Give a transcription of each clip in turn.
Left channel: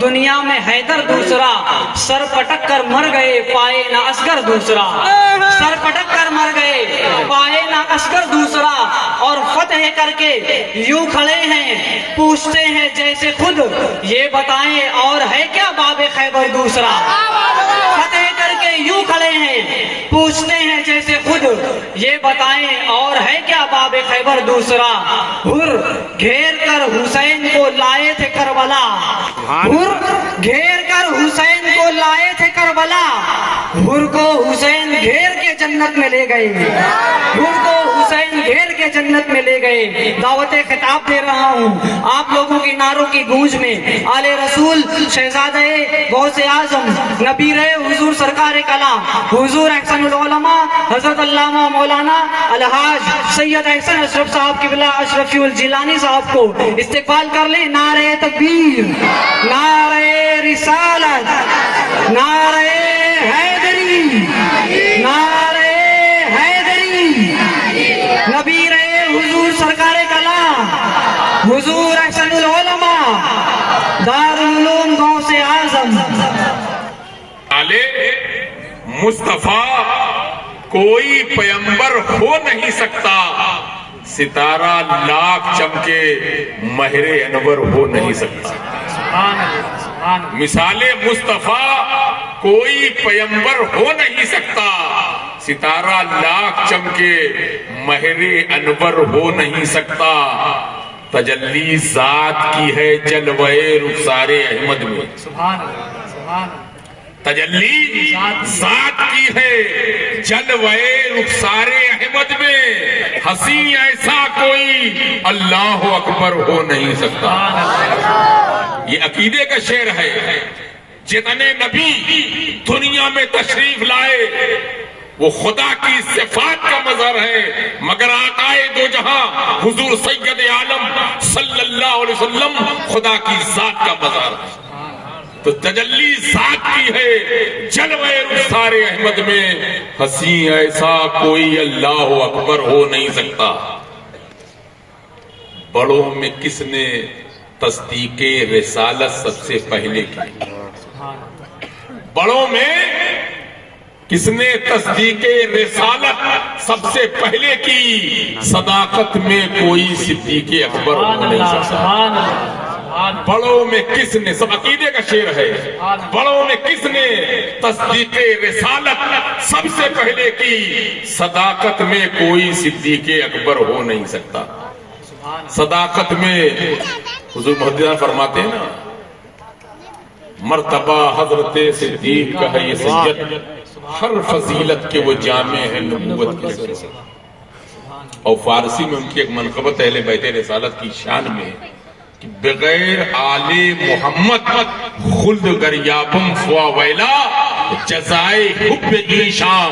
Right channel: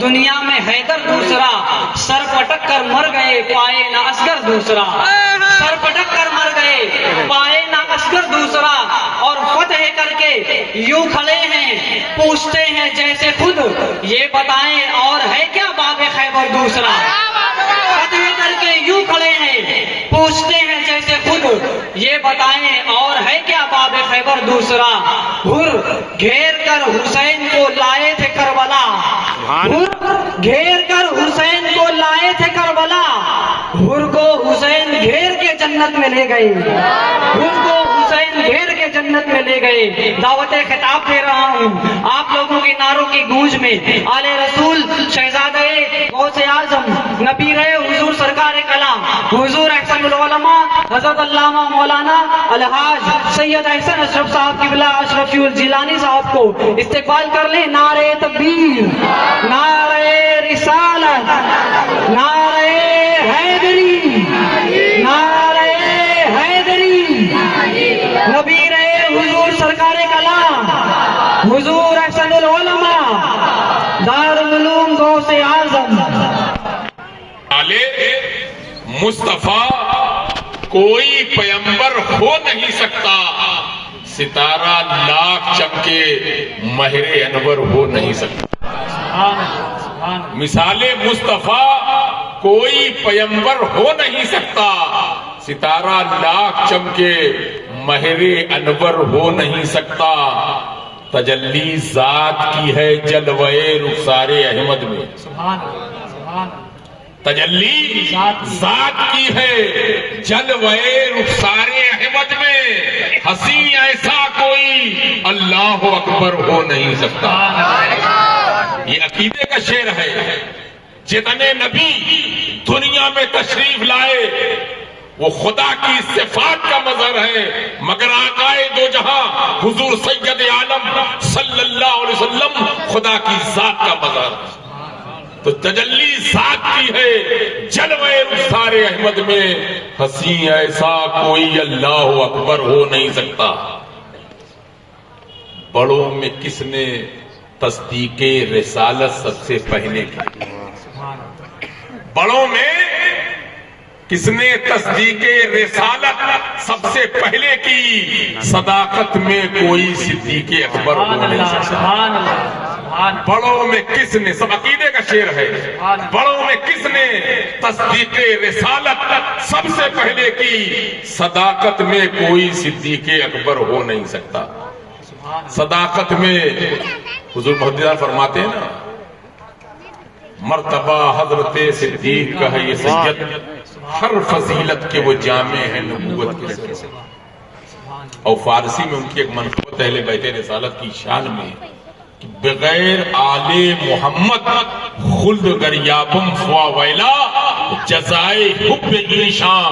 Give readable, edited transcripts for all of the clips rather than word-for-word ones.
دنیا میں حیدر دوسرا، سر پٹک کر مر گئے پائے نہ اصغر دوسرا، سر پٹک کر مر گئے پائے نہ اصغر دوسرا، اور فتح کر کے یوں کھڑے ہیں پوچھتے ہیں جیسے خود، یہ بتائیں اور ہے کیا باب خیبر دوسرا؟ فتح کر کے یوں کھڑے ہیں پوچھتے ہیں جیسے خود، یہ بتائیں اور ہے کیا باب خیبر دوسرا؟ ہر گھیر کر حسین کو لائے تھے کربلا، ہر گھیر کر حسین کو لائے تھے کربلا، ہر کو حسین گھیر کے جنت میں لے گئے، ہر کو حسین گھیر کے جنت میں لے گئے۔ دعوت خطاب دے رہا ہوں آپ لوگوں کے نعروں کی گونج میں، آل رسول شہزادہ غوث اعظم نبی رہے حضور سرکار کلام حضور احسن العلماء حضرت علامہ مولانا الحاج سید احسن اشرف صاحب کی بلا اشرفی الجیلانی صاحب کو استقبال کر لیں۔ نعرہ تکبیر، نعرہ رسالت، نعرہ حیدری، نعرہ حیدری، نبی رہے حضور سرکار کلام حضور احسن العلماء دارالعلوم غوث اعظم۔ مصطفیٰ کوئی پیمبر ہو نہیں سکتا، ستارہ لاکھ چمکے مہر انور ہو نہیں سکتا۔ مثال مصطفیٰ کوئی پیمبر ہو نہیں سکتا، ستارہ لاکھ چمکے مہر انور ہو نہیں سکتا۔ تجلی ذات کی ہے جلوہ رخسار احمد میں، تجلی ذات کی ہے جلوہ رخسار احمد میں، حسین ایسا کوئی اللہ اکبر ہو نہیں سکتا۔ یہ عقیدے کا شعر ہے۔ جتنے نبی دنیا میں تشریف لائے وہ خدا کی صفات کا مظہر ہے، مگر آقائے دو جہاں حضور سید عالم صلی اللہ علیہ وسلم خدا کی ذات کا مظہر ہے۔ تو تجلی ذات کی ہے جلوہ رخسار احمد میں، حسین ایسا کوئی اللہ اکبر ہو نہیں سکتا۔ بڑوں میں کس نے تصدیق رسالت سب سے پہلے کی؟ بڑوں میں کس نے تصدیق رسالت سب سے پہلے کی؟ صداقت میں کوئی صدیق اکبر ہو نہیں سکتا۔ بڑوں میں کس نے، سب عقیدے کا شعر ہے، بڑوں میں کس نے تصدیق رسالت سب سے پہلے کی؟ صداقت میں کوئی صدیق اکبر ہو نہیں سکتا۔ صداقت میں حضور محمد فرماتے ہیں نا، مرتبہ حضرت صدیق کا ہے یہ سید، ہر فضیلت کے وہ جامع ہیں نبوت کے سر سے۔ اور فارسی میں ان کی ایک منقبت اہل بیت رسالت کی شان میں کہ بغیر آل محمد خلد گریابم فوا ویلا، جزائے حب ایشاں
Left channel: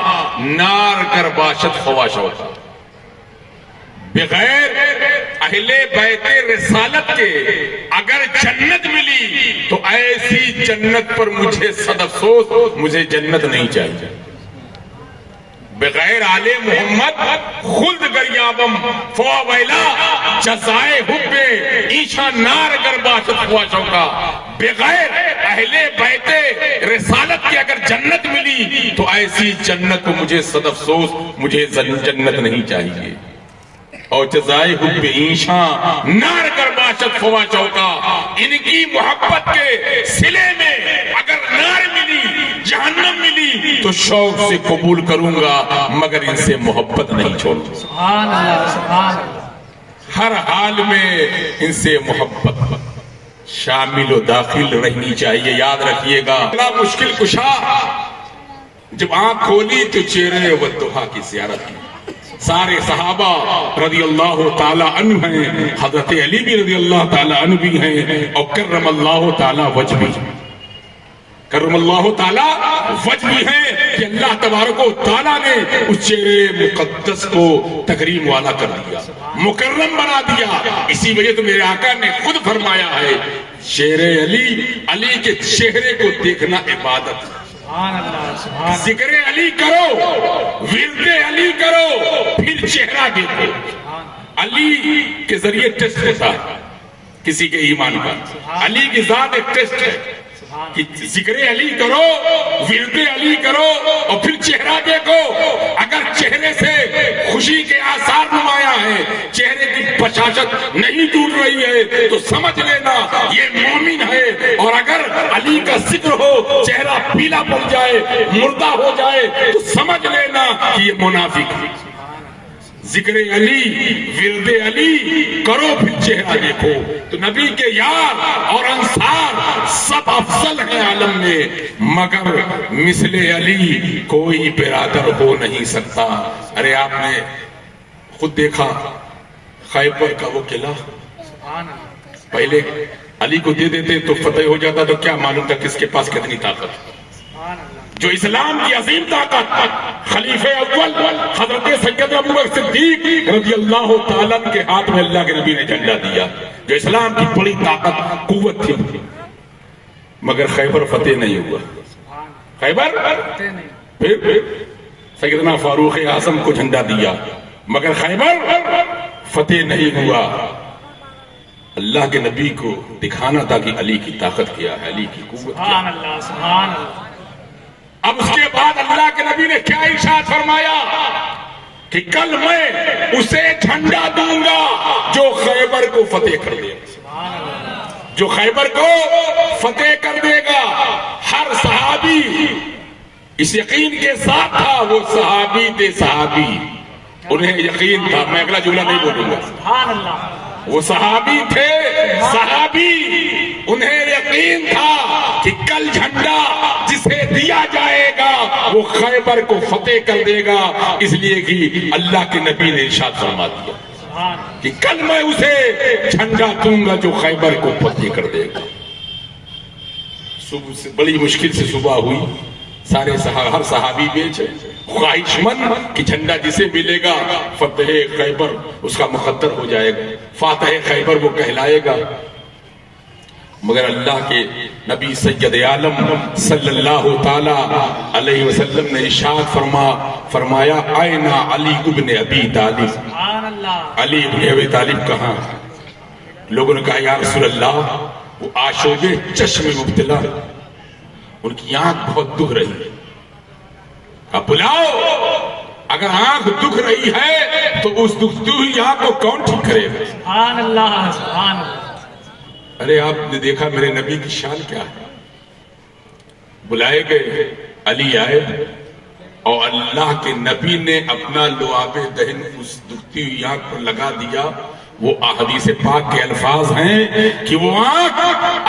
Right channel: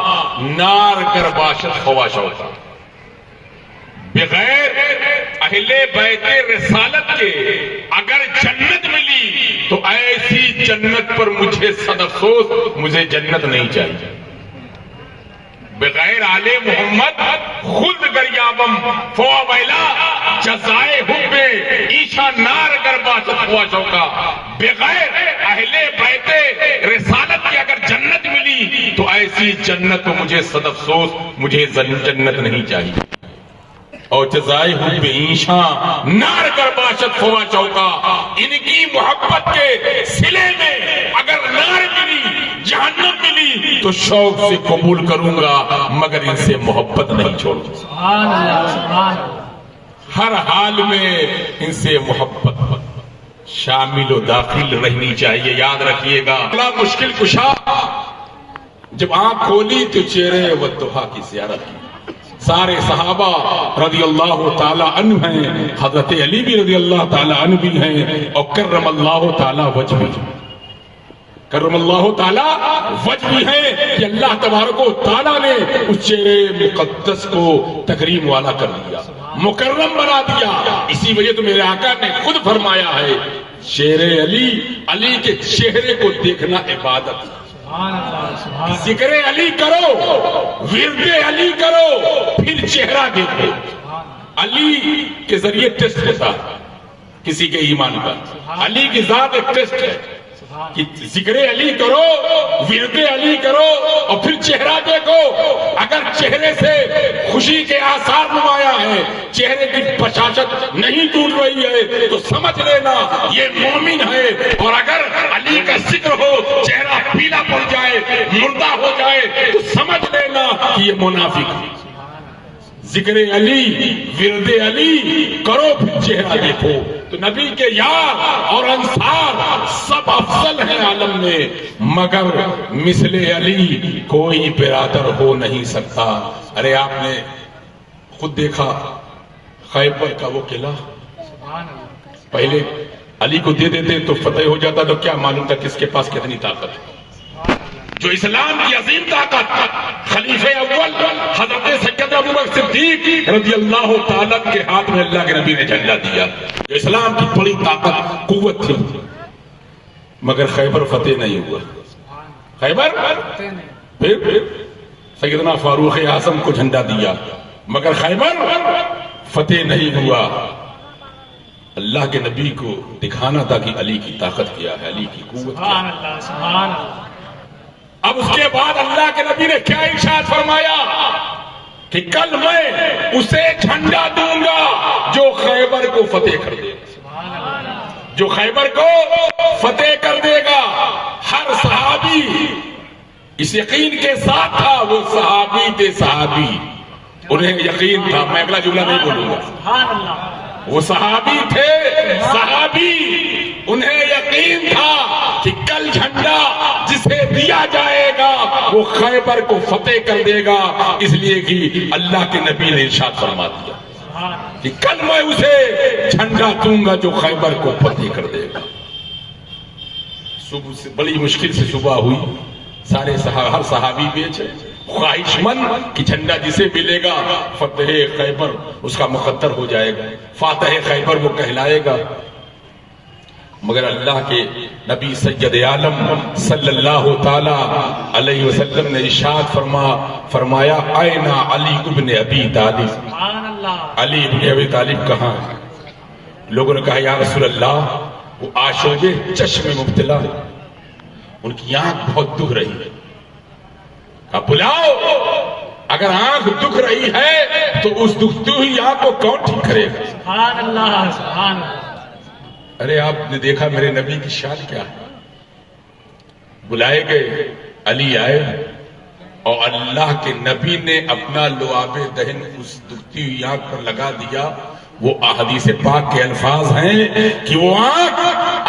نار گر باشد خواشوتا۔ بغیر اہل بیت رسالت کے اگر جنت ملی تو ایسی جنت پر مجھے صد افسوس، مجھے جنت نہیں چاہیے۔ بغیر آل محمد خلد گریابم فوا ویلا، جزائے حب ایشا نار گر باشد خواشوتا۔ بغیر اہل بیت رسالت کے اگر جنت ملی تو ایسی جنت پر مجھے صد افسوس، مجھے جنت نہیں چاہیے۔ اور جزائے حب ایشاں نار گر باشد خواشوتا، ان کی محبت کے صلے میں اگر نار ملی، جہنم ملی تو شوق سے قبول کروں گا، مگر ان سے محبت نہیں چھوڑتا۔ ہر حال میں ان سے محبت شامل و داخل رہنی چاہیے۔ یاد رکھیے گا، بڑا مشکل کشا جب آنکھ کھولی تو چہرے والضحیٰ کی زیارت کی۔ سارے صحابہ رضی اللہ تعالی عنہ ہیں، حضرت علی بھی رضی اللہ تعالی عنہ بھی ہیں، اور کرم اللہ تعالی وجہ بھی، کرم اللہ تعالی وجہ بھی ہے کہ اللہ تبارک و تعالی نے اس چہرے مقدس کو تکریم والا کر دیا، مکرم بنا دیا۔ اسی وجہ تو میرے آقا نے خود فرمایا ہے، چہرے علی، علی کے چہرے کو دیکھنا عبادت ہے۔ ذکر علی کرو، ورد علی کرو، پھر چہرہ دیکھو۔ علی کے ذریعے ٹیسٹ ہوتا ہے کسی کے ایمان کا، علی کی ذات ایک ٹیسٹ ہے۔ کہ ذکر علی کرو، ورد علی کرو، اور پھر چہرہ دیکھو، اگر چہرے سے خوشی کے آثار نمایاں ہیں، چہرے کی بشاشت نہیں ٹوٹ رہی ہے، تو سمجھ لینا یہ مومن ہے، اور اگر علی کا ذکر ہو، چہرہ پیلا پڑ جائے، مردہ ہو جائے، تو سمجھ لینا کہ یہ منافق ہے۔ ذکر علی، ورد علی کرو، پھر چہرہ دیکھو۔ تو نبی کے یار اور انصار سب افضل ہیں عالم میں، مگر مثل علی کوئی برادر ہو نہیں سکتا۔ ارے آپ نے خود دیکھا خیبر کا وہ قلعہ، پہلے علی کو دے دیتے تو فتح ہو جاتا، تو کیا معلوم تھا کس کے پاس کتنی طاقت ہے۔ جو اسلام کی عظیم طاقت خلیفہ اول حضرت سیدنا ابوبکر صدیق رضی اللہ تعالیٰ کے ہاتھ میں اللہ کے نبی نے جھنڈا دیا، جو اسلام کی بڑی طاقت قوت تھی، مگر خیبر فتح نہیں ہوا۔ خیبر پھر سیدنا فاروق اعظم کو جھنڈا دیا، مگر خیبر فتح نہیں ہوا۔ اللہ کے نبی کو دکھانا تھا کہ علی کی طاقت کیا ہے، علی کی قوت کیا ہے۔ اب اس کے بعد اللہ کے نبی نے کیا ارشاد فرمایا کہ کل میں اسے جھنڈا دوں گا جو خیبر کو فتح کر دے گا، جو خیبر کو فتح کر دے گا۔ ہر صحابی اس یقین کے ساتھ تھا، وہ صحابی تھے، صحابی انہیں یقین تھا، میں اگلا جملہ نہیں بولوں گا، وہ صحابی تھے، صحابی انہیں یقین تھا کہ کل جھنڈا جسے دیا جائے گا وہ خیبر کو فتح کر دے گا، اس لیے کہ اللہ کے نبی نے ارشاد فرما دیا کہ کل میں اسے جھنڈا دوں گا جو خیبر کو فتح کر دے گا۔ صبح سے بڑی مشکل سے صبح ہوئی، سارے ہر صحابی بیچے خواہش مند کہ جھنڈا جسے ملے گا فتح خیبر اس کا مقدر ہو جائے گا، فاتح خیبر وہ کہلائے گا۔ مگر اللہ کے نبی سید عالم صلی اللہ تعالی علیہ وسلم نے ارشاد فرمایا آئین علی ابن ابی طالب، علی ابن ابی طالب کہاں ہے؟ لوگوں نے کہا یا رسول اللہ وہ آشوب چشم میں مبتلا ہے، ان کی آنکھ بہت دکھ رہی ہے۔ اب بلاؤ، اگر آنکھ دکھ رہی ہے تو اس دکھتی ہوئی آنکھ کو کون ٹھیک کرے گا؟ سبحان اللہ، سبحان اللہ۔ ارے آپ نے دیکھا میرے نبی کی شان کیا ہے؟ بلائے گئے، علی آئے اور اللہ کے نبی نے اپنا لعاب دہن اس دکھتی ہوئی آنکھ پر لگا دیا۔ وہ حدیث پاک کے الفاظ ہیں کہ وہ آنکھ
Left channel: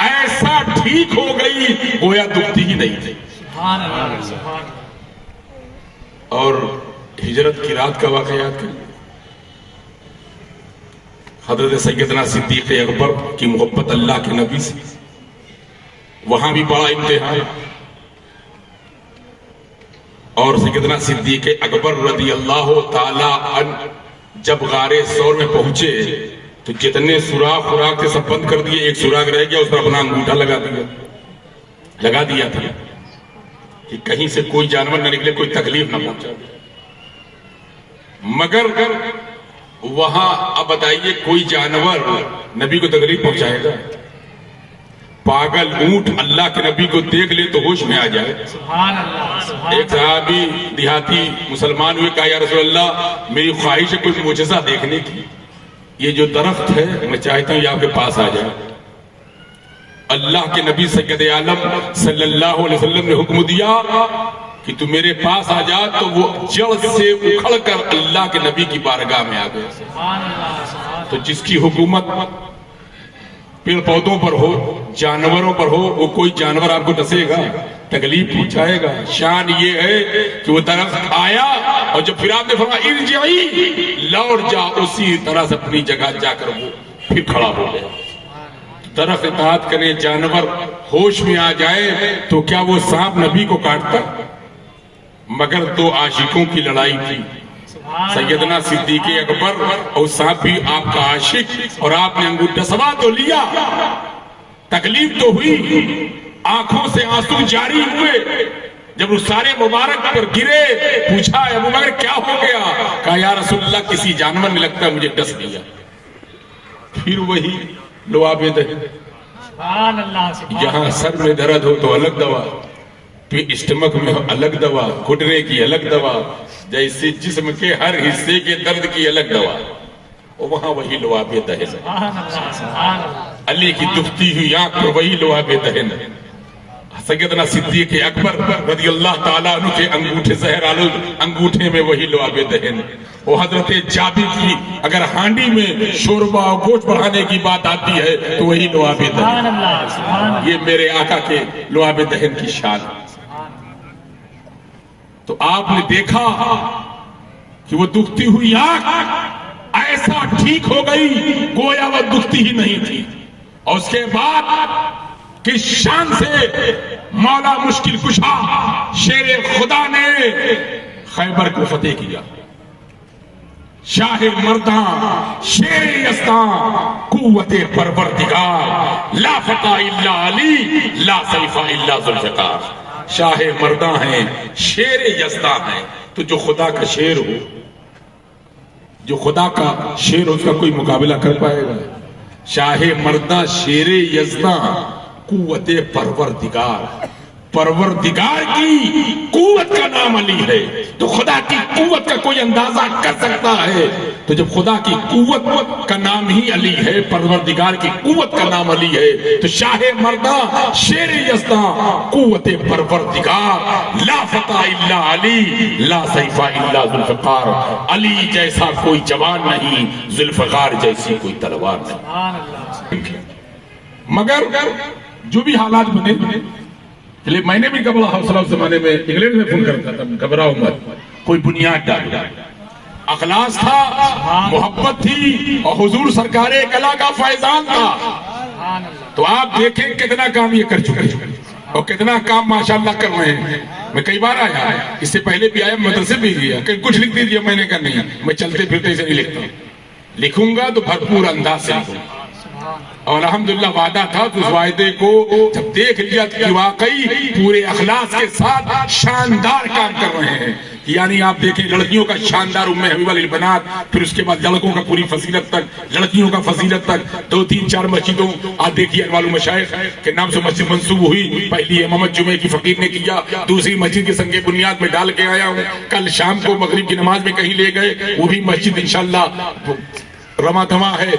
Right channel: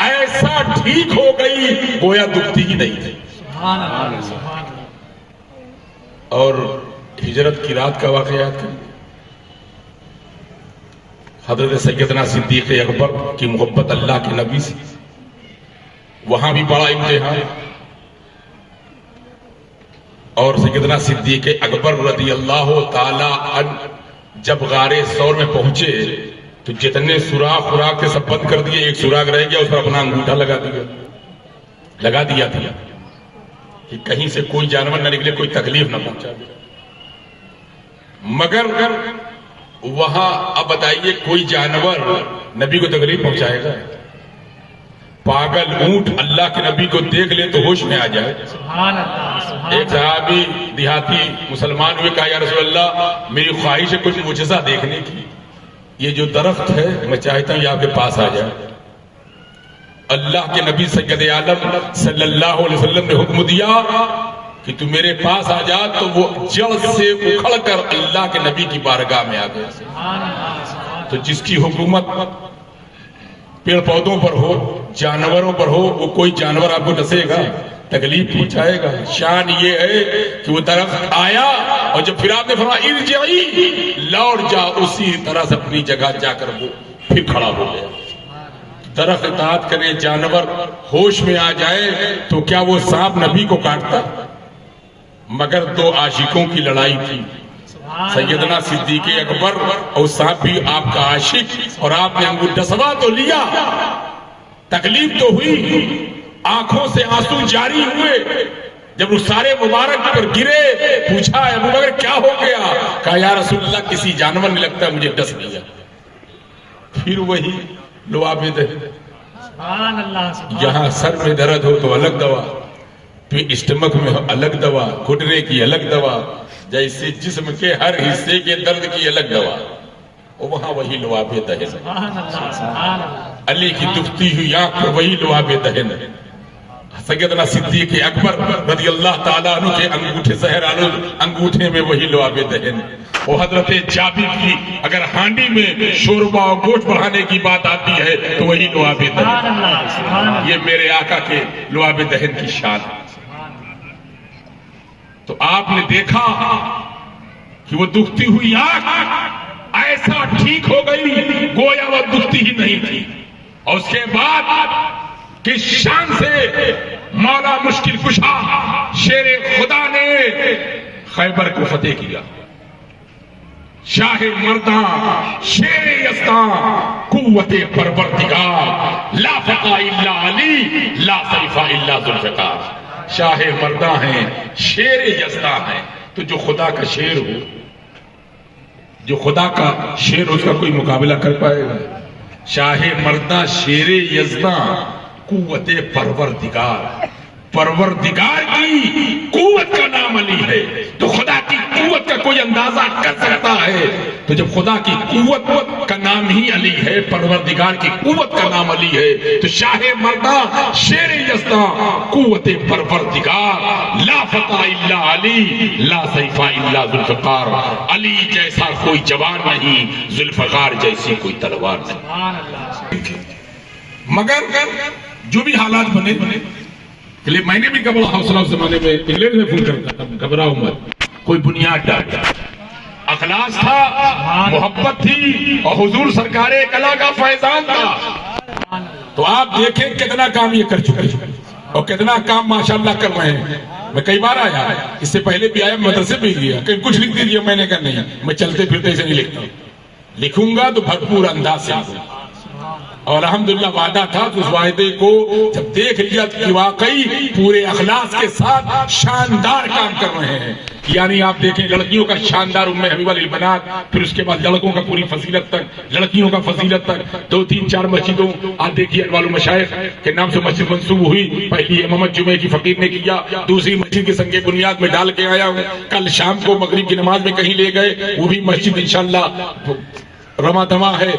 ایسا ٹھیک ہو گئی گویا دکھتی ہی نہیں تھی۔ اور ہجرت کی رات کا واقعہ تھا، حضرت سیدنا صدیق اکبر کی محبت اللہ کے نبی سے، وہاں بھی بڑا امتحان۔ اور سیدنا صدیق اکبر رضی اللہ تعالی عنہ جب غار ثور میں پہنچے تو جتنے سوراخ سے سب بند کر دیے، ایک سوراخ رہ گیا، اس پر اپنا انگوٹھا لگا دیا تھا کہ کہیں سے کوئی جانور نہ نکلے، کوئی تکلیف نہ پہنچا۔ مگر وہاں اب بتائیے کوئی جانور نبی کو تکلیف پہنچائے گا؟ پاگل اونٹ اللہ کے نبی کو دیکھ لے تو ہوش میں آ جائے۔ ایک صحابی دیہاتی مسلمان ہوئے، کہا یا رسول اللہ میری خواہش ہے کوئی معجزہ دیکھنے کی، یہ جو درخت ہے میں چاہتا ہوں یہ آپ کے پاس آ جائے۔ اللہ کے نبی سید عالم صلی اللہ علیہ وسلم نے حکم دیا کہ تو میرے پاس آ جا، تو وہ جڑ سے اکھڑ کر اللہ کے نبی کی بارگاہ میں آ گئے۔ تو جس کی حکومت پیڑ پودوں پر ہو، جانوروں پر ہو، وہ کوئی جانور آپ کو ڈسے گا، تکلیف پہنچائے گا؟ شان یہ ہے کہ وہ درخت آیا اور جب پھر آپ نے فرمایا ارجعی، لوٹ جا، اسی طرح سے اپنی جگہ جا کر وہ پھر کھڑا ہو گیا۔ درخت اطاعت کرے، جانور ہوش میں آ جائے تو کیا وہ سانپ نبی کو کاٹتا؟ مگر دو عاشقوں کی لڑائی تھی، سیدنا صدیق اکبر اور سانپ بھی آپ کا عاشق، اور آپ نے انگوٹھا ڈسوا تو لیا، تکلیف تو ہوئی، آنکھوں سے آنسو جاری ہوئے۔ جب سارے مبارک پر گرے، پوچھا ابو بکر کیا ہو گیا؟ کہا یا رسول اللہ کسی جانور نے لگتا مجھے ڈس دیا۔ پھر وہی لعاب دہن، سبحان اللہ یہاں سر میں درد ہو تو الگ دوا، پھر اسٹمک میں ہو الگ دوا، گھٹنے کی الگ دوا، جیسے جسم کے ہر حصے کے درد کی الگ دوا، وہاں وہی لعاب دہن، علی کی دکھتی ہوئی آنکھ پر وہی لعاب دہن، سیدنا صدیق اکبر رضی اللہ تعالیٰ عنہ کے انگوٹھے زہر آلود انگوٹھے میں وہی لعاب دہن، وہ حضرت جابر کی اگر ہانڈی میں شوربہ اور گوشت بڑھانے کی بات آتی ہے تو وہی لعاب دہن، یہ میرے آقا کے لعاب دہن کی شان ہے۔ تو آپ نے دیکھا کہ وہ دکھتی ہوئی آنکھ ایسا ٹھیک ہو گئی گویا وہ دکھتی ہی نہیں تھی، اور اس کے بعد کس شان سے مولا مشکل کشا شیر خدا نے خیبر کو فتح کیا، شاہ مرداں شیر یزداں قوت پروردگار، لا فقار الا علی لا سیف الا ذوالفقار، شاہ مرداں ہیں شیر یزداں ہیں، تو جو خدا کا شیر ہو، جو خدا کا شیر ہو، اس کا کوئی مقابلہ کر پائے گا؟ شاہ مرداں شیر یزداں قوت پروردگار، پروردگار کی قوت کا نام علی ہے، تو خدا کی قوت کا کوئی اندازہ کر سکتا ہے؟ تو جب خدا کی قوت کا نام ہی علی ہے، پروردگار کی قوت کا نام علی ہے، تو شاہ مرداں شیر یزداں قوت پروردگار، لا فتح الا علی لا سیف الا ذوالفقار، علی جیسا کوئی جوان نہیں، ذوالفقار جیسی کوئی تلوار نہیں۔ مگر جو بھی حالات بنے، میں نے بھی کبھی حوصلہ اس زمانے میں انگلینڈ میں فون کرتا تھا، گھبراؤں مت، کوئی بنیاد ڈالتا، اخلاص تھا، محبت تھی، اور حضور سرکار کلا کا فیضان تھا۔ تو آپ دیکھیں کتنا کام یہ کر چکے اور کتنا کام ماشاءاللہ کر رہے ہیں۔ میں کئی بار آیا، اس سے پہلے بھی آیا، مدرسے بھی گیا، کہیں کچھ لکھ دیجیے، میں نے کہا نہیں، میں چلتے پھرتے سے نہیں لکھتا، لکھوں گا تو بھرپور انداز سے لکھوں گا، اور الحمدللہ وعدہ تھا، تو اس وعدے کو جب دیکھ لیا کہ واقعی پورے اخلاص کے ساتھ شاندار کام کر رہے ہیں۔ یعنی آپ دیکھیں لڑکیوں کا شاندار ام حبیبہ للبنات، پھر اس کے بعد لڑکوں کا پوری فضیلت تک، لڑکیوں کا فضیلت تک، 2-3-4 مسجدوں، آپ دیکھیے انوار المشائخ کے نام سے مسجد منسوب ہوئی، پہلی امامت جمعے کی فقیر نے کیا، دوسری مسجد کے سنگ بنیاد میں ڈال کے آیا ہوں، کل شام کو مغرب کی نماز میں کہیں لے گئے، وہ بھی مسجد انشاءاللہ رواں دواں ہے،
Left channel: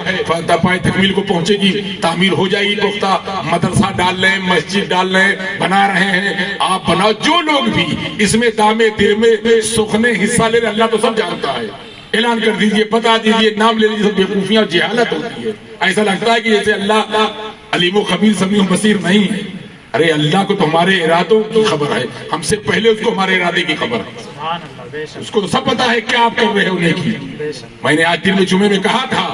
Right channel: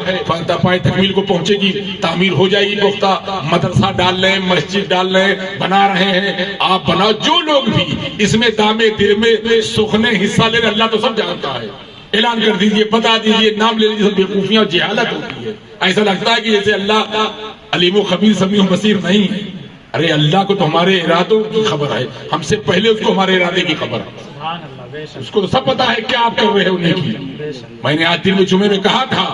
پائے تکمیل کو پہنچے گی، تعمیر ہو جائے گی پختہ، مدرسہ ڈال رہے ہیں، مسجد ڈال رہے ہیں، بنا رہے ہیں، آپ بناؤ، جو لوگ بھی اس میں دامے دیر میں سخنے حصہ لے رہے، اللہ تو سب جانتا ہے، اعلان کر دیجئے، بتا دیجئے، نام لے لیجئے، سب بیوقوفیاں اور جہالت ہوتی ہے، ایسا لگتا ہے کہ جیسے اللہ علیم و خبیر سمیع و بصیر نہیں ہے۔ ارے اللہ کو تو ہمارے ارادوں کی خبر ہے، ہم سے پہلے اس کو ہمارے ارادے کی خبر ہے، اس کو تو سب پتا ہے کیا آپ کر رہے ہیں انہیں کی۔ میں نے آج دن میں جمعے میں کہا تھا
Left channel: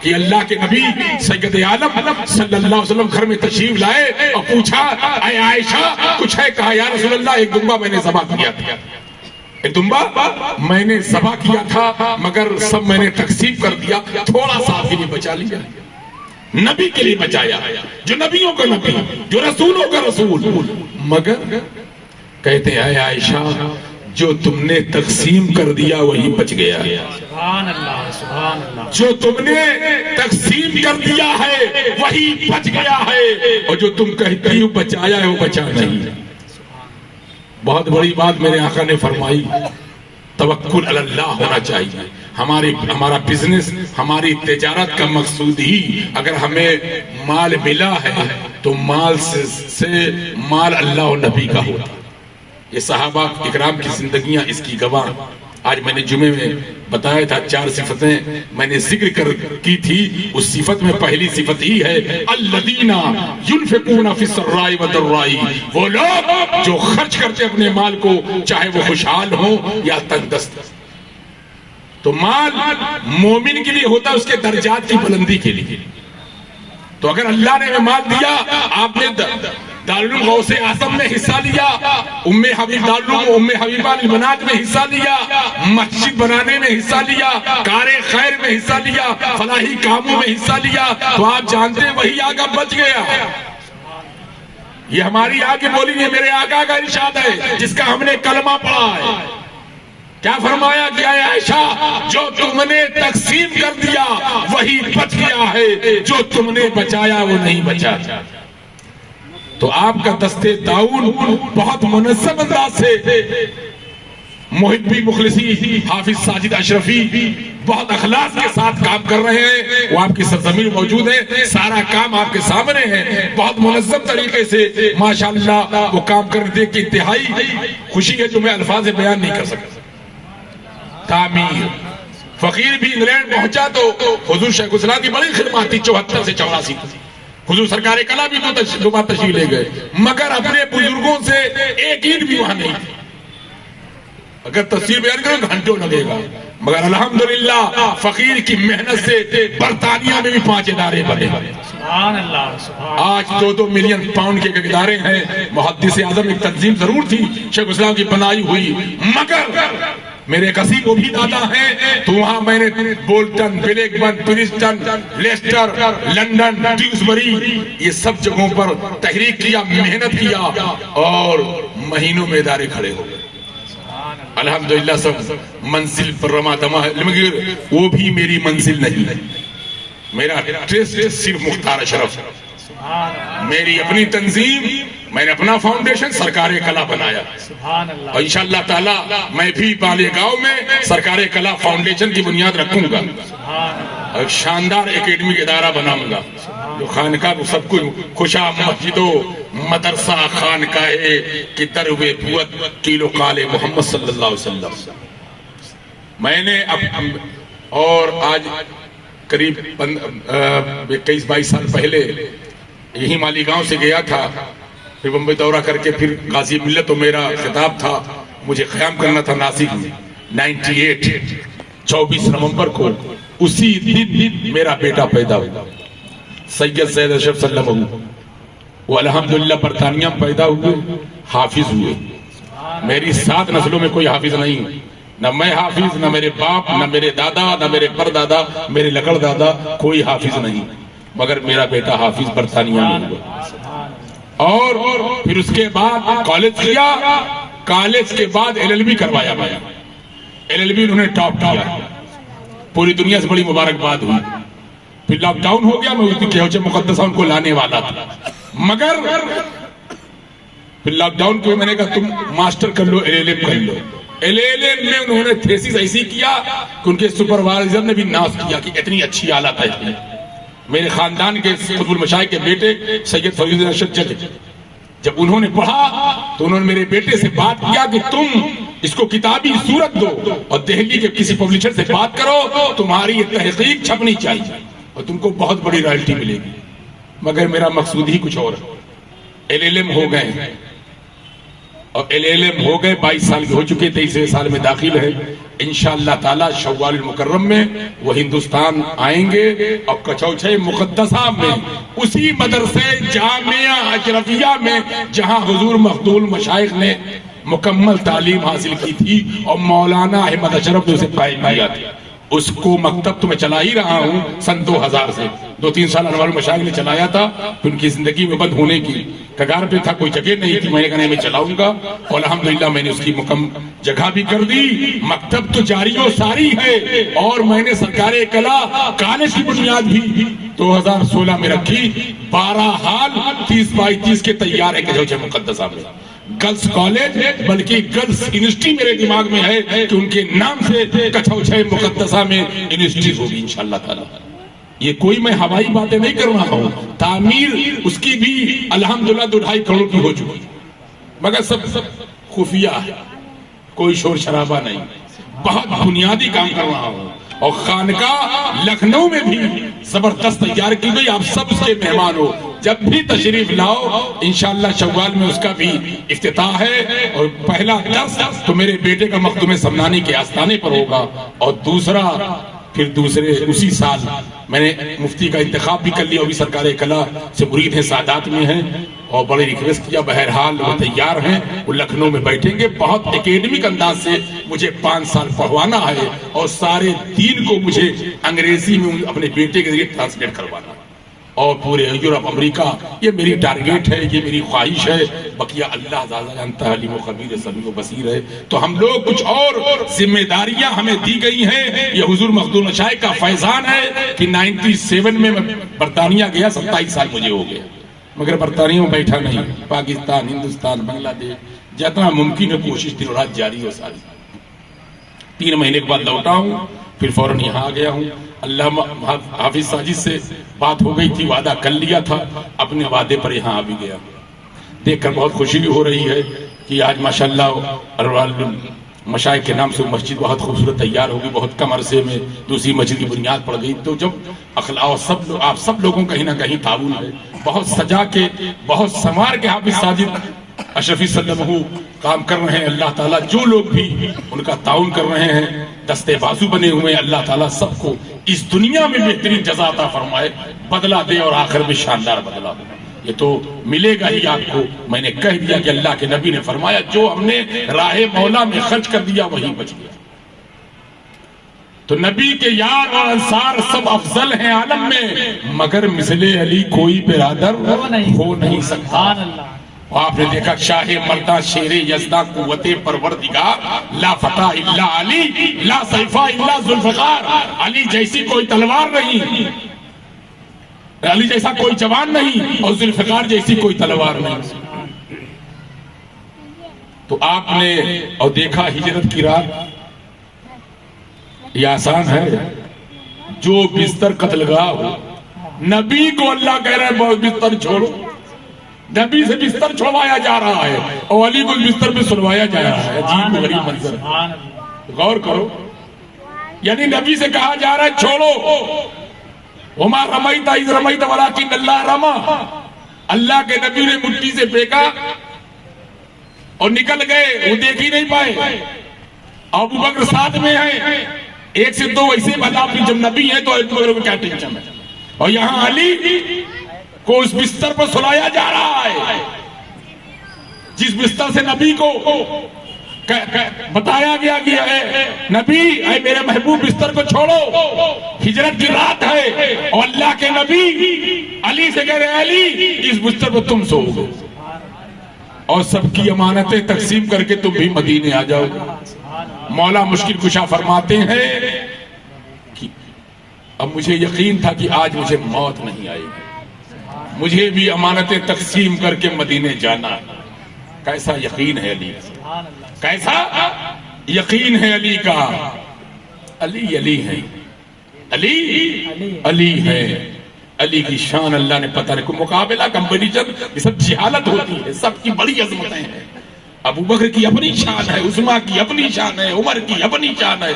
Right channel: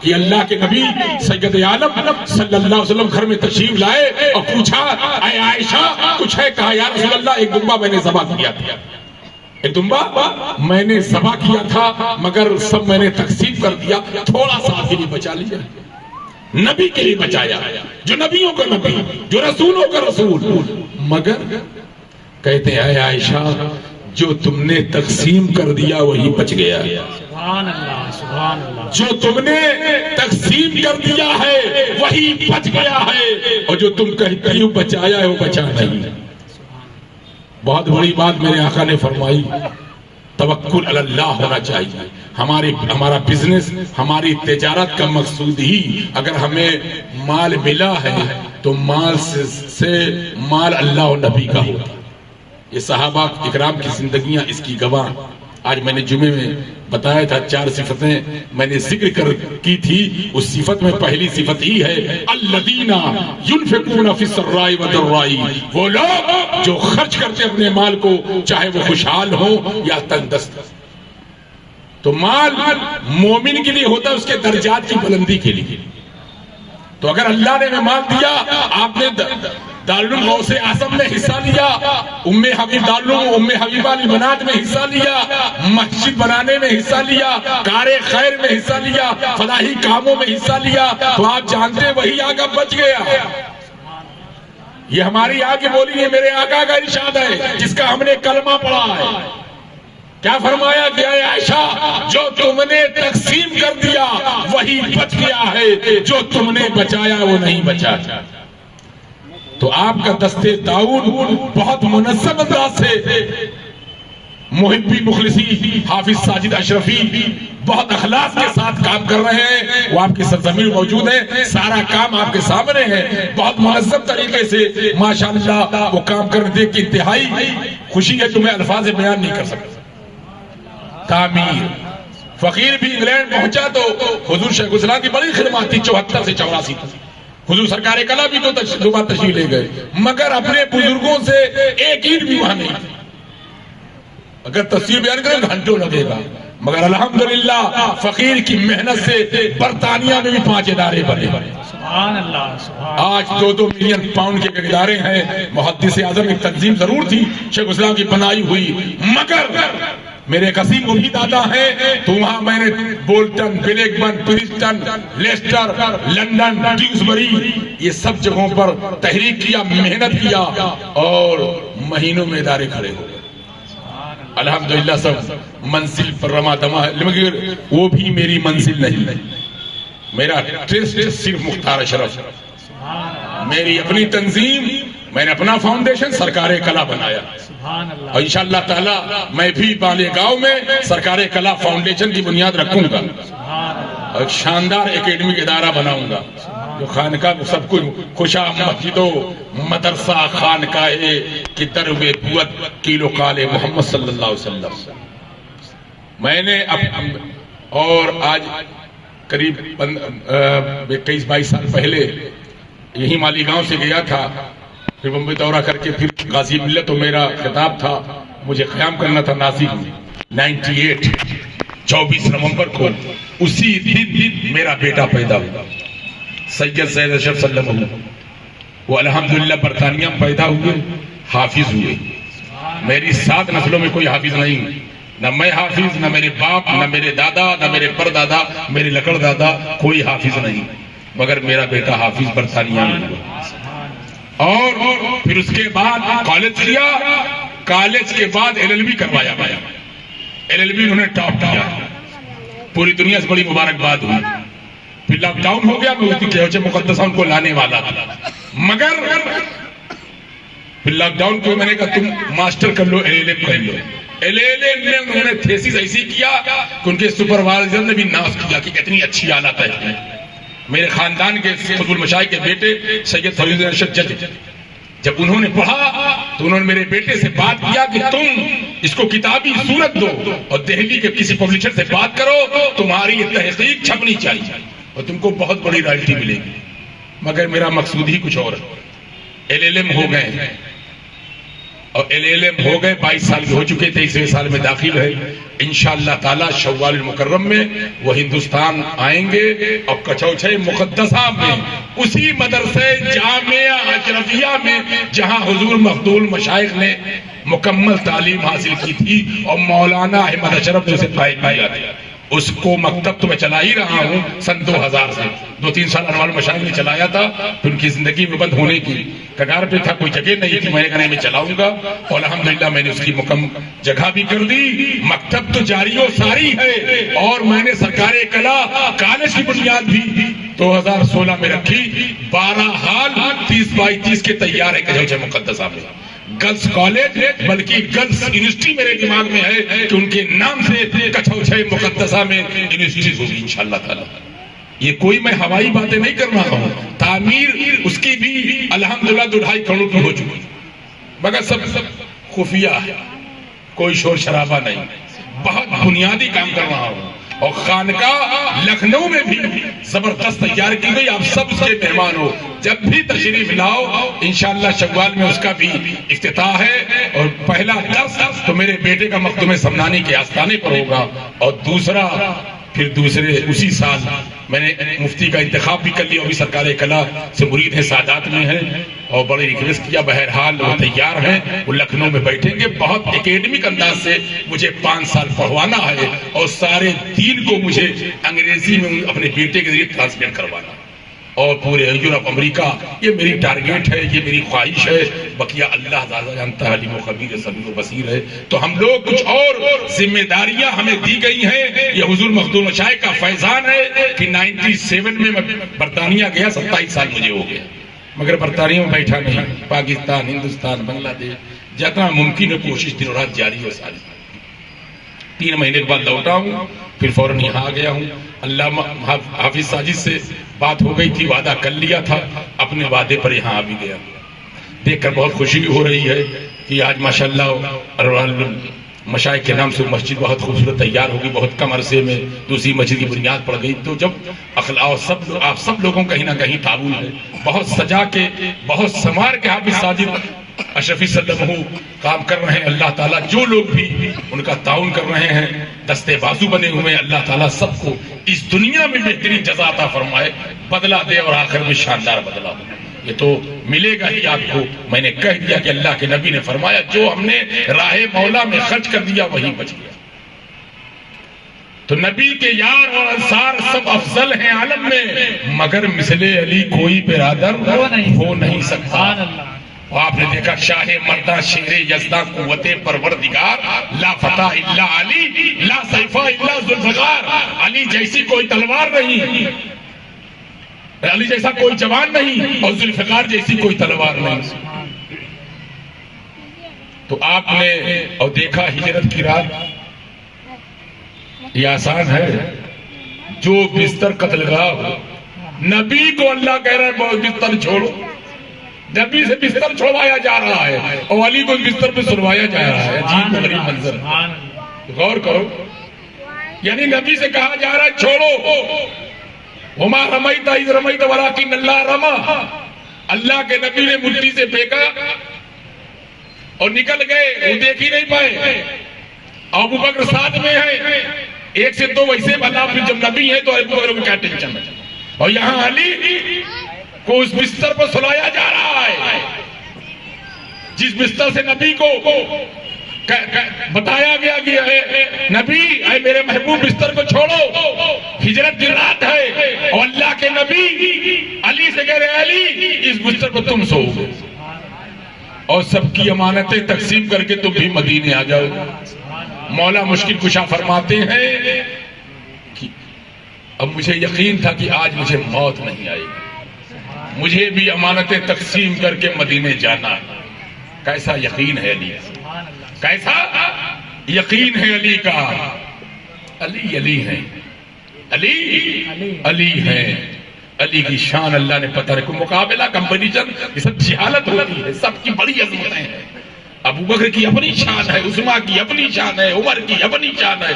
کہ اللہ کے نبی سید عالم صلی اللہ علیہ وسلم گھر میں تشریف لائے اور پوچھا، اے عائشہ کچھ ہے؟ کہا یا رسول اللہ ایک دمبا میں نے ذبح کیا تھا، ایک دمبا میں نے ذبح کیا تھا، مگر سب میں نے تقسیم کر دیا، تھوڑا سا آپ کے لیے بچا لیا، نبی کے لیے بچایا، جو نبیوں کا نبی، جو رسولوں کا رسول۔ مگر کہتے ہیں اے عائشہ جو تم نے تقسیم کر دیا وہی بچ گیا، جو تم نے تقسیم کر دیا ہے وہی بچ گیا ہے، اور جو تم کہتی ہو بچایا ہے وہ بچا نہیں۔ بہت بڑی بات میرے آقا نے فرمائی، توکل علی اللہ ہونا چاہیے۔ ہمارا بزنس، ہماری تجارت کا مقصود ہی اگر ہمیں مال ملا ہے تو مال سے مال اللہ و نبی کا ہو۔ یہ صحابہ اکرام کی زندگیاں اس کی گواہ۔ آج میں نے جمعے میں بتایا تھا 4 صفتیں میں نے ذکر کی تھی، اس صفت میں پہلی صفت ہی ہے الذین ينفقون فی السراء والضراء، وہ لوگ جو خرچ کرتے اپنے مال کو، چاہے وہ خوشحال ہو یا تنگ دست۔ تو مال مومن کے لیے ہوتا ہے اس کے درجات کی بلندی کے لیے۔ تو اگر اللہ نے ہمیں مال دیا، آپ نے دارالعلوم غوث اعظم میں حصہ لیا، ام حبیبہ للبنات میں حصہ لیا، مسجد بنانے میں حصہ لیا، کار خیر میں حصہ لیا، فلاحی کاموں میں حصہ لیا، تو آپ جانتے ہیں وہی آگا بچ گیا۔ یہ ہماری آگے بولی ہے، میرے آقا کا ارشاد ہے جس کا ہم نے کلمہ پڑھا ہے۔ کیا فرمایا کہ اے عائشہ جو تم نے تقسیم کر دیا وہی بچ گیا ہے، جو تم نے بچایا وہ نہیں بچا۔ تو آپ کا دستے تعاون بہت منظم انداز سے محبی مخلصی حافظ ساجد اشرفی بہت اخلاص کے ساتھ کام کر رہے ہیں. وہ آپ کی سرزمین موجود ہے, سارا کام آپ کے سامنے ہے, بہت منظم طریقے سے ماشاءاللہ وہ کام کرنے دیکھ کے انتہائی خوشی ہے, تمہیں الفاظ بیان نہیں کر سکتا. تعمیر فقیر بھی انگلینڈ پہنچا تو حضور شیخ الاسلام کی بڑی خدمات تھی 74 سے 84 تک. حضور سرکار کلا بھی تو تشریف لے گئے, مگر اپنے بزرگوں سے ایک اینٹ بھی وہاں نہیں تھی. اگر تصویر بیان کرو گھنٹوں لگے گا, مگر الحمدللہ فقیر کی محنت سے برطانیہ میں بھی 5 ادارے بنے. آج 2-2 ملین پاؤنڈ کے ادارے ہیں. محدث اعظم کی تنظیم ضرور تھی شیخ الاسلام کی بنائی ہوئی, مگر میرے قسیم وہی دادا ہیں. تو وہاں میں نے Bolton, Blackburn, Princeton, Leicester, London, Dewsbury, یہ سب جگہوں پر تحریک کیا, محنت کیا, اور مہینوں میں ادارے کھڑے ہو گئے. الحمدللہ سب منزل پر رما دما ہے, مگر وہ بھی میری منزل نہیں ہے. میرا ٹرسٹ صرف مختار اشرف, میری اپنی تنظیم, میں نے اپنا فاؤنڈیشن سرکار کلا بنایا, اور انشاءاللہ تعالی میں بھی بالیگاؤں میں سرکار کلا فاؤنڈیشن کی بنیاد رکھوں گا, اور شاندار اکیڈمک ادارہ بناؤں گا جو خانقاہ کو سب کچھ خوشا مسجد و مدرسہ خانقاہ کی تروے پورت کیلو کالے محمد صلی اللہ علیہ وسلم. میں نے اور آج قریب 21-22 سال پہلے یہی مالیگاؤں سے گیا تھا, پھر بمبئی دورہ کر کے پھر غازی ملت, تو میرا خطاب تھا مجھے قیام کرنا تھا ناسک میں 98 24 نومبر کو. اسی دن میرا بیٹا پیدا ہوا سید زید اشرف صلی اللہ علیہ وسلم. وہ الحمدللہ برطانیہ میں پیدا ہوئے, حافظ ہوئے. میری 7 نسلوں میں کوئی حافظ نہیں, نہ میں حافظ, نہ میرے باپ, نہ میرے دادا, نہ میرے پردادا, میرے لکڑ دادا, کوئی حافظ نہیں, مگر میرا بیٹا حافظ برطانیہ میں ہوا. اور پھر اس کے بعد کالج کیا, کالج کے بعد LLB کروایا گیا. LLB انہوں نے ٹاپ کیا, پوری دنیا سے بڑی مبارکباد ہوئی. پھر لاک ڈاؤن ہو گیا, میں کہوچے مقدسہ ان کو لانے والا تھا, مگر پھر لاک ڈاؤن کو میں نے کہا تم ماسٹر کر لو, LLM کر لو. LLM میں انہوں نے تھیسس ایسی کیا کہ ان کے سپروائزر نے بھی ناز کیا کہ اتنی اچھی آلہ ہے. میرے خاندان کے قطب المشائخ کے بیٹے سید فضل ارشد جج, جب انہوں نے پڑھا تو انہوں نے میرے بیٹے سے بات کیا کہ تم اس کو کتابی صورت دو اور دہلی کے کسی پبلشر سے بات کرو, تمہاری یہ تحقیق چھپنی چاہیے اور تم کو بہت بڑی رائلٹی ملے گی. مگر میرا مقصود ہی کچھ اور ہے. LLM ہو گئے, اور LLM ہو گئے, 22 سال کے ہو چکے, 23ویں سال میں داخل ہے. انشاءاللہ تعالی شوال المکرم میں وہ ہندوستان آئیں گے, اور کچوچھے مقدسہ میں اسی مدرسے جامعہ اشرفیہ میں جہاں حضور مخدول مشائخ نے مکمل تعلیم حاصل کی تھی اور مولانا احمد اشرف نے اسے قائم کیا تھا, اس کو مکتب تو میں چلا ہی رہا ہوں سن 2000 سے. 2-3 سال انوار مشائخ نے چلایا تھا, پھر ان کی زندگی میں بند ہونے کی کگار پہ تھا, کوئی جگہ نہیں تھی. میں نے کہا میں چلاؤں گا, اور الحمدللہ میں نے اس کی مکمل جگہ بھی کر دی. مکتب تو جاری و ساری ہے, اور میں نے سرکار کلا کالج کی بنیاد بھی 2016 میں رکھی. 12 ہال 30/30 کے تیار ہے کچوچھے مقدسہ میں. گرلز کالج بلکہ گرلز یونیورسٹی میرے دماغ میں ہے کہ ان کے نام سے کچوچھے مقدسہ میں یونیورسٹی ہوگی انشاءاللہ تعالی. یہ کوئی میں ہوائی باتیں نہیں کر رہا ہوں, تعمیر اس کی بھی الحمدللہ 2.5 کروڑ کی ہو چکی, مگر سب خفیہ ہے, کوئی شور شرابہ نہیں, بہت بنیادی کام کر رہا ہوں. اور خانقاہ لکھنؤ میں بھی زبردست تیار کی گئی, آپ سب اس کے مہمان ہو, جب بھی تشریف لاؤ. انشاءاللہ شوال میں اس کا بھی افتتاح ہے, اور پہلا درس تو میرے بیٹے کا مخدوم سمنانی کے آستانے پر ہوگا, اور دوسرا پھر دوسرے اسی سال میں نے مفتی کا انتخاب بھی کر لیا, ابھی سرکار کلا سے مرید ہیں, سادات میں ہیں, اور بڑے ریکویسٹ کیا. بہرحال وہ تیار ہیں, وہ لکھنؤ میں بیٹھیں گے. بہت اکیڈمک انداز سے مجھے 5 سال پڑھوانا ہے, اور سارے دین کو مجھے انگریزی میں اپنے بیٹے کے ذریعے ٹرانسلیٹ کروانا, اور پورے یورپ امریکہ. یہ میری ٹارگیٹ ہے, یہ میری خواہش ہے. بقیہ اللہ زیادہ جانتا ہے, علیم و خبیر سبیر و بصیر ہے. تو ہم لوگ کچھ اور ذمہ داریاں ہمیں دی گئی ہیں. یہ حضور مخدوم مشائخ کا فیضان ہے کہ 97 میں برطانیہ گیا, 27 سال مجھے ہو گئے. مگر برطانیہ میں بیٹھا نہیں، پاکستان، ہندوستان، بنگلہ دیش جتنا ممکن ہے کوشش دن رات جاری ہے ساری۔ 3 مہینے کے بعد لوٹا ہوں، پھر فوراً یہاں آ گیا ہوں۔ اللہ حافظ ساجد سے بات ہو گئی تھی، وعدہ کر لیا تھا، اپنے وعدے پر یہاں آ بھی گیا۔ دیکھ کر بہت خوشی بھی ہو رہی ہے کہ آج ماشاءاللہ مشائخ کے نام سے مسجد بہت خوبصورت تیار ہوگی، بہت کم عرصے میں دوسری مسجد کی بنیاد پڑ گئی۔ تو جب اخلاق آپ سب لوگوں کہیں نہ کہیں تعاون ہے، بہت سجا کے بہت سنوار کے حافظ ساجد اشرفی صلی اللہ علیہ وسلم کام کر رہے ہیں۔ اللہ تعالیٰ جو لوگ بھی ان کا تعاون کر رہے ہیں، دستے بازو بنے ہوئے ہیں، اللہ تعالیٰ سب کو اس دنیا میں بہترین جزا عطا فرمائے، بدلہ دے اور آخر میں شاندار بدلہ دے۔ یہ تو ملے گا ہی آپ کو۔ میں نے کہہ دیا کہ اللہ کے نبی نے فرمایا جو ہم نے راہ مولا میں خرچ کر دیا وہی بچ گیا۔ تو نبی کے یار اور انصار سب افضل ہیں عالم میں، مگر مثل علی کوئی برادر ہو نہیں سکتا۔ اور آپ نے دیکھا شاہ مردہ شیر یزدہ قوت پروردگار، لا فتح الا علی، لا سیفہ الا ذوالفقار۔ علی جیسی کوئی تلوار نہیں، علی جیسا کوئی جوان نہیں، اور ذوالفقار جیسی کوئی تلوار نہیں۔ تو آپ نے اور دیکھا ہجرت کی رات، یہ آسان ہے؟ جو بستر قتل گاہ ہو، نبی کو اللہ کہہ رہا ہے بہت بستر چھوڑو، نبی سے بستر چھوڑوایا جا رہا ہے اور علی کو بستر پہ سلوایا جا رہا ہے۔ عجیب غریب منظر ہے، غور کرو۔ یعنی نبی سے کہا جا رہا ہے چھوڑو، وما رمیت اذ رمیت ولکن اللہ رمی۔ اللہ کے نبی نے مٹی سے پھینکا اور نکل گئے، وہ دیکھ ہی نہیں پائے۔ ابو بکر ساتھ میں ہے، 1 سے 2 ویسے بتا، پھر جب نبی ہے تو ابو بکر کو کیا ٹینشن ہے؟ اور یہاں علی کو اس بستر پر سلایا جا رہا ہے جس بستر سے نبی کو بتایا گیا کہ اے نبی، اے میرے محبوب بستر کو چھوڑو، ہجرت کی رات ہے۔ اور اللہ کے نبی علی سے کہہ رہے علی اس بستر پر تم سو گے، اور سب کی امانتیں تقسیم کر کے تم بھی مدینے آ جاؤ گے۔ مولا مشکل کشا فرماتے ہیں کہ اب مجھے یقین تھا کہ آج مجھے موت نہیں آئے گی، مجھے بھی امانتیں تقسیم کر کے مدینے جانا ہے۔ کیسا یقین ہے علی، کیسا یقین ہے علی کا۔ علی علی ہے، علی علی ہے، علی کی شان اللہ نے پتہ رکھو۔ مقابلہ کمپٹیشن یہ سب جہالت ہوتی ہے، سب کی بڑی عظمتیں ہیں۔ ابو بکر کی اپنی شان ہے، عثمان کی اپنی شان ہے، عمر کی اپنی شان ہے۔